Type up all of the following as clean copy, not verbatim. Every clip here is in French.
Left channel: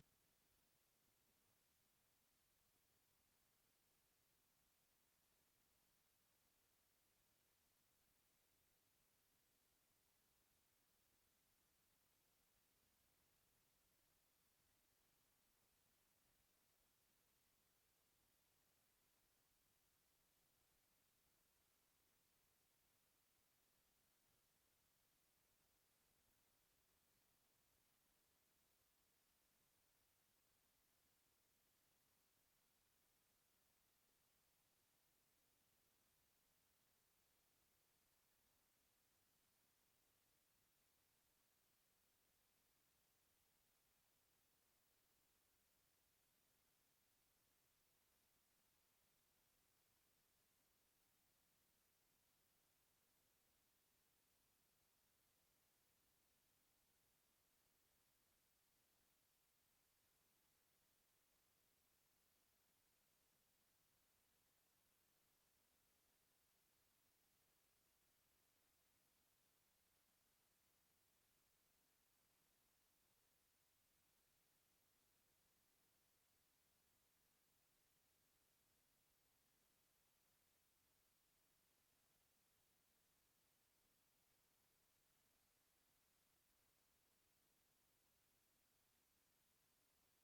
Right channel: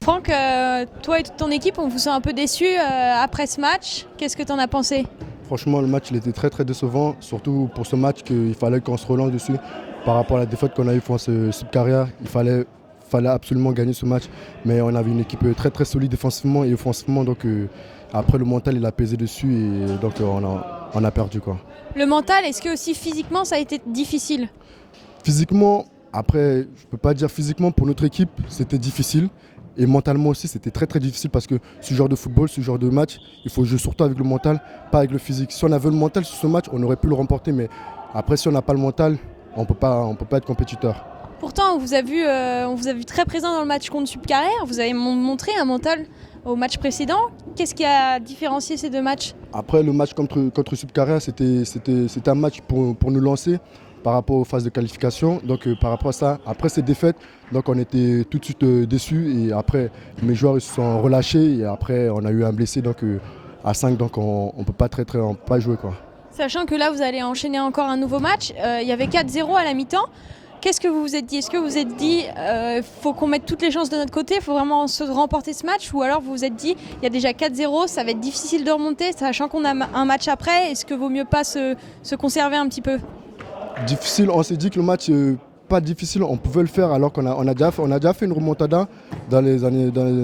Franck, toi et toute ton équipe, on vous sent un peu déçus après ce match. Qu'est-ce que tu en as pensé? Franchement, le match il était très très décevant, surtout pour ce match qu'il fallait qu'on se relance dessus. Par rapport à la défaite qu'on a eue face à Subcarrière, il fallait absolument gagner ce match. Mais on avait une équipe très très solide défensivement et offensivement. Donc après le mental il a pesé dessus et donc on a perdu quoi. Le mental, est-ce que aussi physiquement ça a été difficile? Physiquement, après, je ne peux pas dire physiquement, pour notre équipe, c'était difficile. Et mentalement aussi, c'était très très difficile parce que ce genre de football, ce genre de match, il faut jouer surtout avec le mental, pas avec le physique. Si on avait le mental sur ce match, on aurait pu le remporter. Mais après, si on n'a pas le mental, on ne peut pas être compétiteur. Pourtant, on vous a vu très présent dans le match contre Subcarrière. Vous avez montré un mental au match précédent. Qu'est-ce qui a différencié ces deux matchs? Après, le match contre Subcarrière, c'était un match pour nous lancer par rapport aux phases de qualification. Donc par rapport à ça, après ces défaites, donc on était tout de suite déçus. Et après, mes joueurs ils se sont relâchés. Et après, on a eu un blessé donc, à 5, donc on ne peut pas jouer quoi. Sachant que là, vous allez enchaîner encore un nouveau match. Il y avait 4-0 à la mi-temps. Qu'est-ce que vous vous êtes dit? Est-ce que vous vous êtes dit faut qu'on mette toutes les chances de notre côté, il faut vraiment se remporter ce match? Ou alors vous vous êtes dit il y a déjà 4-0, ça va être difficile de remonter, sachant qu'on a un match après, est-ce que vaut mieux pas se conserver un petit peu? Difficile, on s'est dit que le match pas difficile, on pouvait le faire alors qu'on a déjà fait une remontada dans les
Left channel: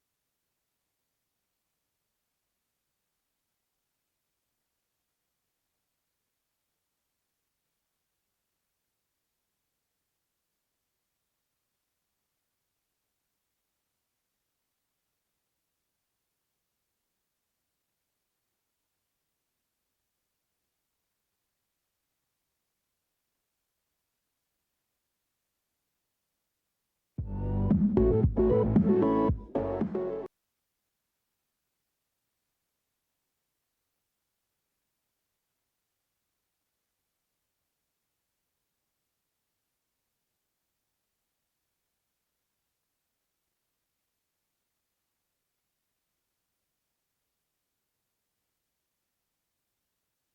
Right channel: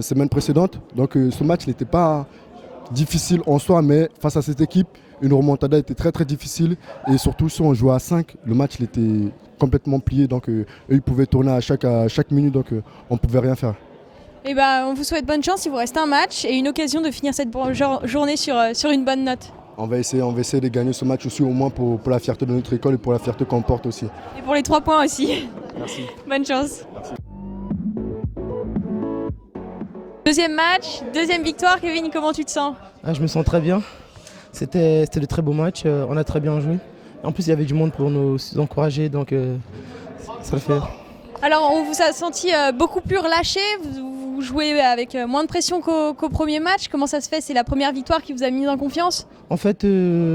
semaines précédentes. Donc ce match n'était pas difficile en soi, mais face à cette équipe, une remontada était très très difficile. Et surtout si on jouait à 5, le match il était complètement plié. Donc eux ils pouvaient tourner à chaque minute, donc on ne pouvait rien faire. Et on vous souhaite bonne chance, il vous reste un match et une occasion de finir cette journée sur une bonne note. On va essayer de gagner ce match aussi, au moins pour la fierté de notre école et pour la fierté qu'on porte aussi. Et pour les 3 points aussi. Merci. Bonne chance. Merci. Deuxième match, deuxième victoire. Kevin, comment tu te sens? Je me sens très bien. C'était de très beaux matchs. On a très bien joué. En plus, il y avait du monde pour nous encourager, donc ça le fait. Alors, on vous a senti beaucoup plus relâché. Vous jouez avec moins de pression qu'au premier match. Comment ça se fait? C'est la première victoire qui vous a mis en confiance? En fait,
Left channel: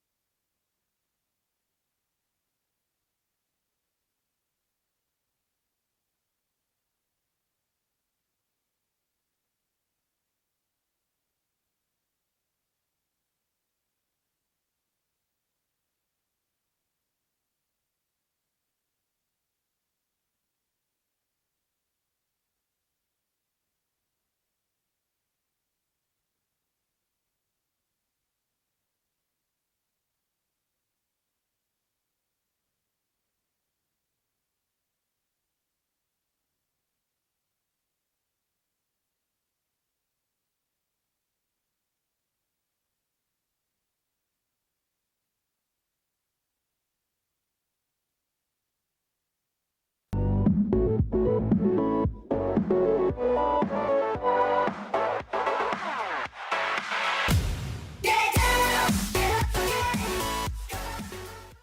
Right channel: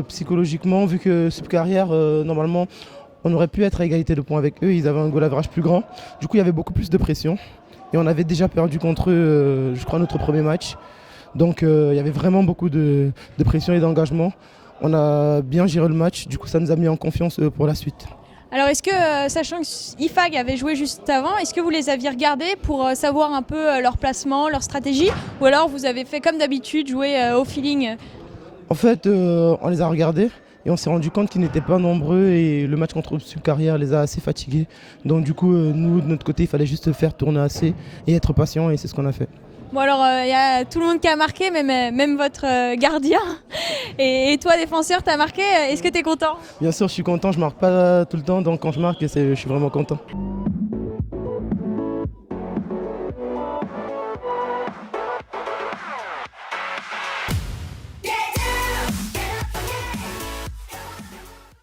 psychologiquement, vu que Subcarrière, normalement, on aurait pu être à égalité de points avec eux. Ils avaient un goal average plus grand. Du coup, il y avait beaucoup plus de pression. Et on avait déjà perdu contre eux, je crois, notre premier match. Donc, il y avait vraiment beaucoup de pression et d'engagement. On a bien géré le match. Du coup, ça nous a mis en confiance pour la suite. Alors est-ce que, sachant que IFAG avait joué juste avant, est-ce que vous les aviez regardés pour savoir un peu leur placement, leur stratégie? Ou alors vous avez fait comme d'habitude, jouer au feeling? En fait, on les a regardés et on s'est rendu compte qu'ils n'étaient pas nombreux et le match contre Subcarrière les a assez fatigués. Donc du coup, nous, de notre côté, il fallait juste faire tourner assez et être patient et c'est ce qu'on a fait. Bon alors, il y a tout le monde qui a marqué, même votre gardien. Et toi, défenseur, t'as marqué. Est-ce que t'es content? Bien sûr, je suis content. Je marque pas tout le temps, donc quand je marque, je suis vraiment content.